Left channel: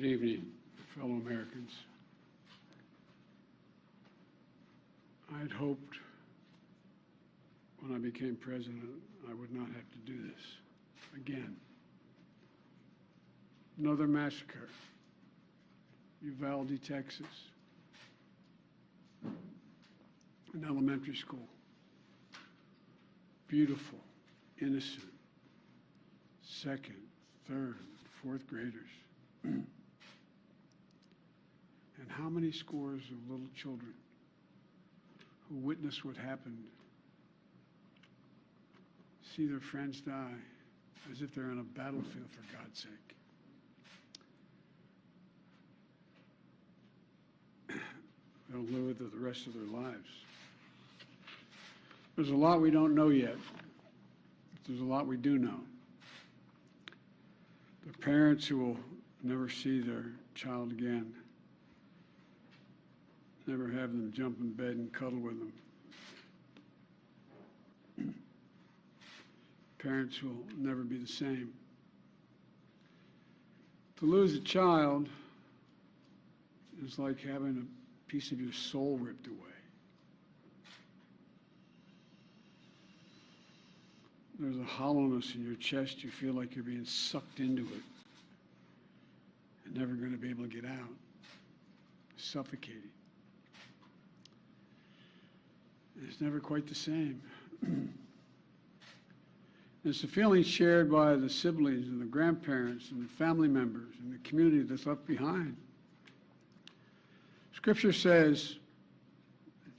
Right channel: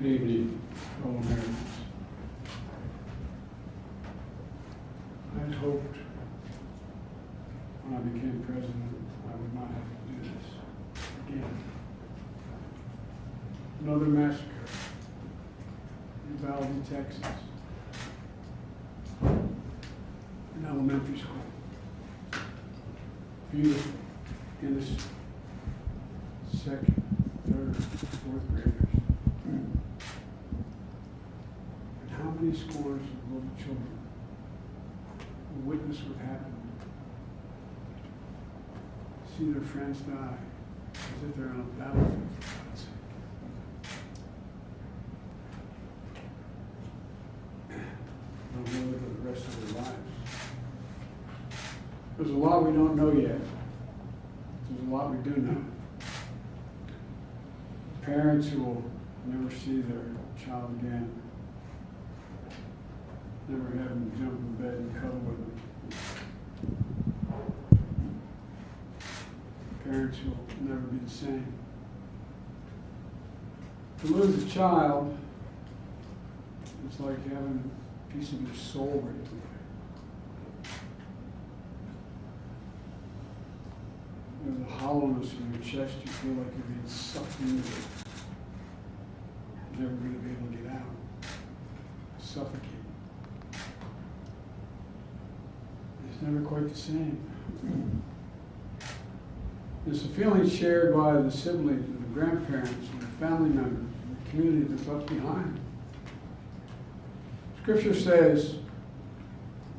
Good evening, fellow Americans. I had hoped when I became president I would not have to do this again. Another massacre in Uvalde, Texas, an elementary school. Beautiful, innocent, second, third, fourth graders. And how many scores of little children will witness what happened, see their friends die as if they're on a battlefield, for God's sake. They'll live the rest of their lives. There's a lot we don't know yet. There's a lot we do know. Parents who will never see their child again, never have them jump in bed and cuddle with them. Parents who will never be the same. To lose a child is like having a piece of your soul ripped away. There's a hollowness in your chest. You feel like you're being sucked into it. You're never going to be able to get out. Suffocating. It's never quite the same. It's a feeling shared by the siblings and the grandparents and the family members and the community that's left behind. Scripture says,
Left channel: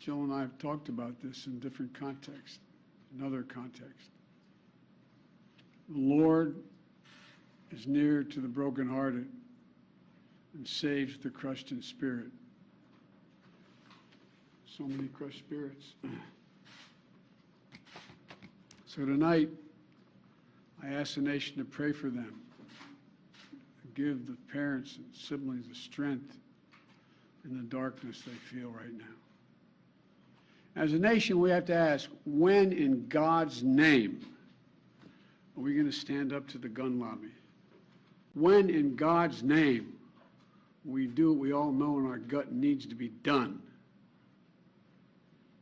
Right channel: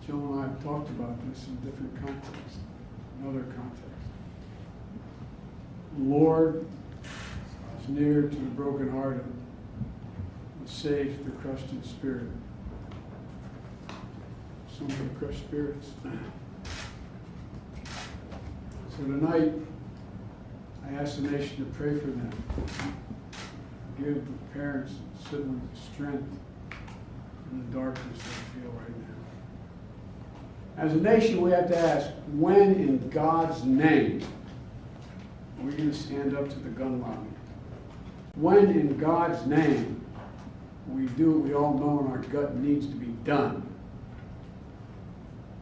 Jill and I have talked about this in different contexts, another context. The Lord is near to the brokenhearted and saves the crushed in spirit. So many crushed spirits. So tonight, I ask the nation to pray for them. Give the parents and siblings the strength in the darkness they feel right now. As a nation, we have to ask, when in God's name are we going to stand up to the gun lobby? When in God's name we do what we all know in our gut needs to be done?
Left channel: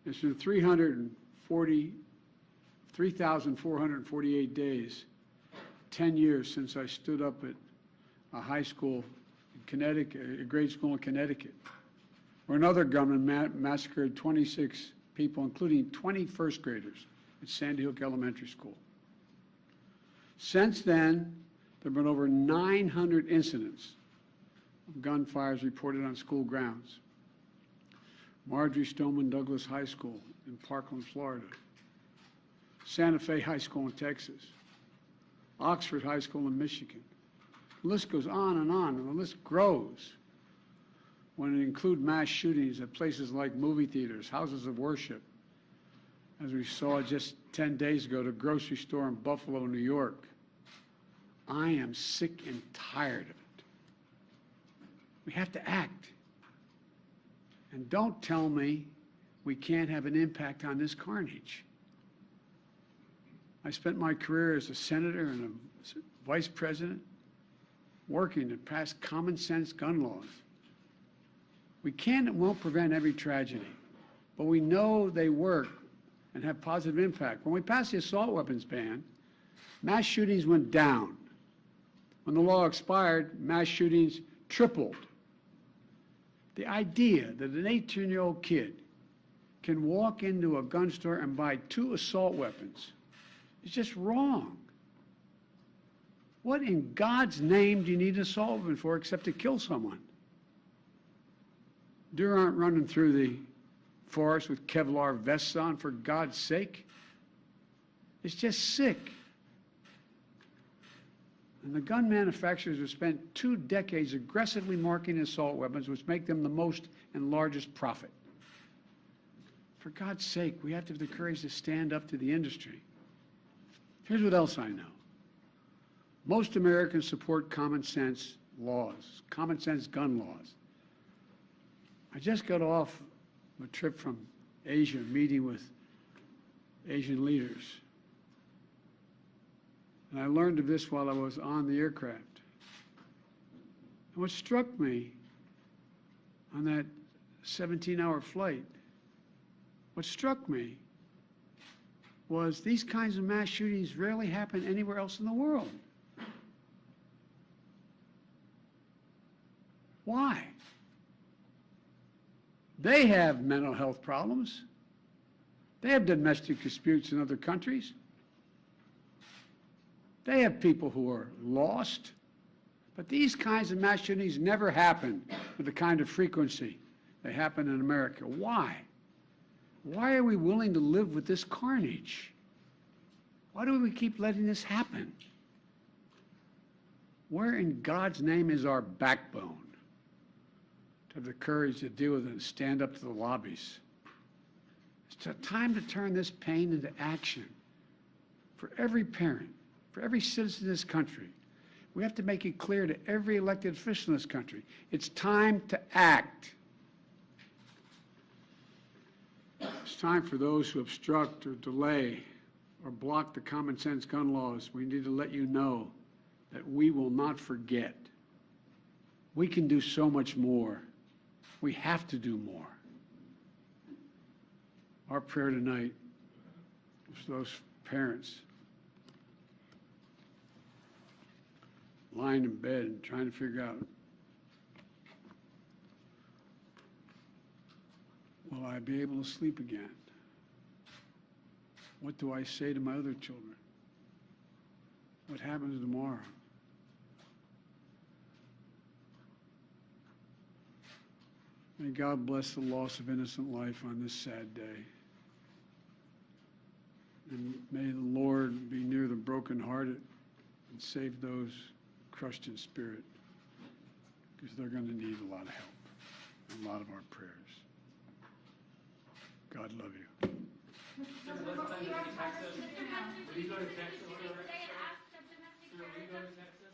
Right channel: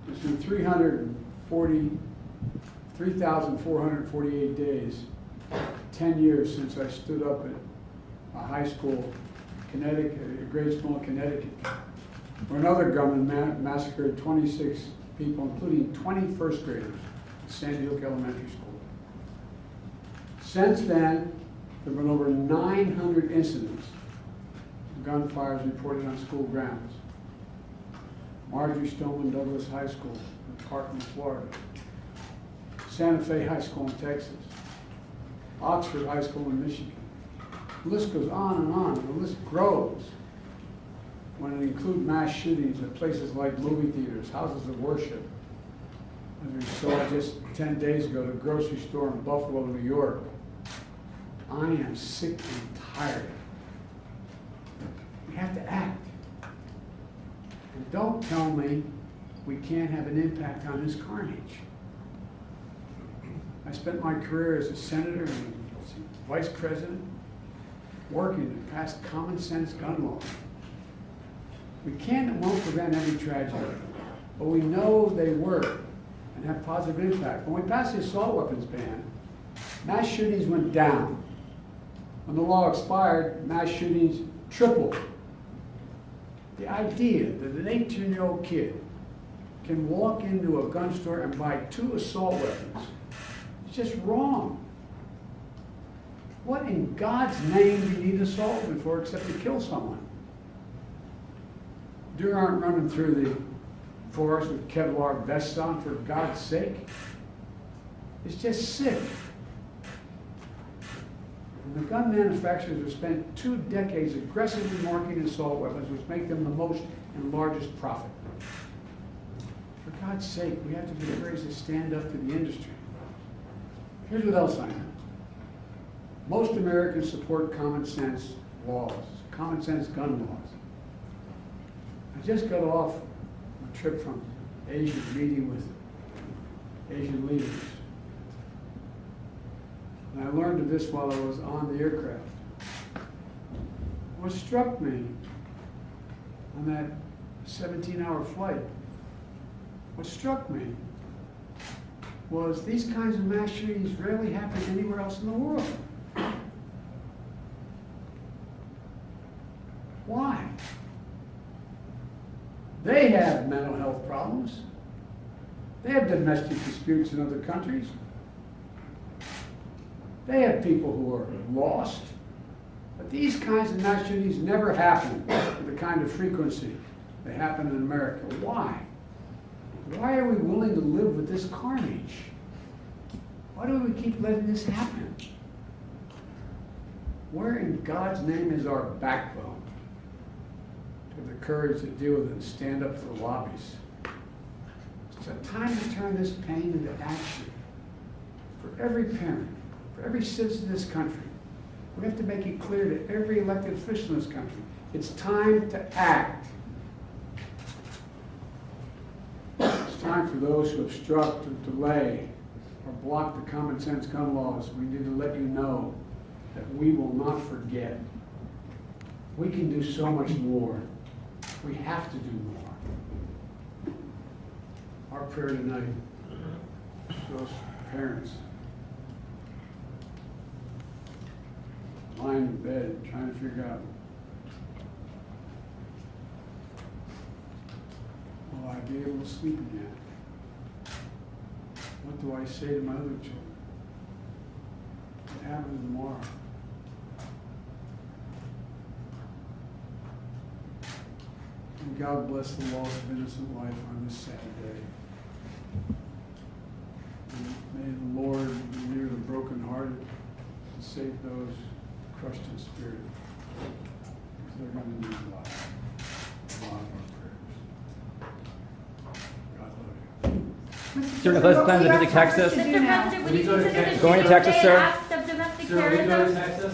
It's been 3,448 days, 10 years since I stood up at a high school, Connecticut, a grade school in Connecticut, where another gunman massacred 26 people, including 20 first graders at Sandy Hook Elementary School. Since then, there have been over 900 incidents of gunfires reported on school grounds. Marjorie Stoneman Douglas High School in Parkland, Florida. Santa Fe High School in Texas. Oxford High School in Michigan. The list goes on, and the list grows when it includes mass shootings at places like movie theaters, houses of worship. As we saw just 10 days ago, the grocery store in Buffalo, New York. I am sick and tired of it. We have to act. And don't tell me we can't have an impact on this carnage. I spent my career as a senator and a vice president working to pass common sense gun laws. We can and won't prevent every tragedy, but we know they work and have positive impact. When we passed the assault weapons ban, mass shootings went down. When the law expired, mass shootings tripled. The idea that an 18-year-old kid can walk into a gun store and buy 2 assault weapons is just wrong. What in God's name do you need an assault weapon for except to kill someone? Deer aren't running through the forest with Kevlar vests on, for God's sake. It's just sick. And the gun manufacturers have spent 2 decades aggressively marketing assault weapons, which make them the most and largest profit. For God's sake, we have to be encouraged to stand up to the industry. Here's what else I know. Most Americans support common sense laws, common sense gun laws. I just got off a trip from Asia, meeting with Asian leaders. And I learned of this while I was on the aircraft. What struck me on that 17-hour flight, what struck me was these kinds of mass shootings rarely happen anywhere else in the world. Why? They have mental health problems. They have domestic disputes in other countries. They have people who are lost. But these kinds of mass shootings never happen with the kind of frequency they happen in America. Why? Why are we willing to live with this carnage? Why do we keep letting this happen? Where in God's name is our backbone to the courage to deal with it and stand up to the lobbies? It's a time to turn this pain into action for every parent, for every citizen in this country. We have to make it clear to every elected official in this country, it's time to act. It's time for those who obstruct or delay or block the common sense gun laws. We need to let you know that we will not forget. We can do so much more. We have to do more. Our prayer tonight for those parents lying in bed trying to figure out, will I be able to sleep again? What do I say to my other children? What happens tomorrow? And God bless the loss of innocent life on this sad day. And may the Lord renew the brokenhearted and save those crushed in spirit, because they're going to need a lot of our prayers. God love you. Sir, Nicholas, plan to visit Texas. Mr. President, would you consider the Going to Texas, sir? acts of domestic Sir, will you go to terrorism? Texas?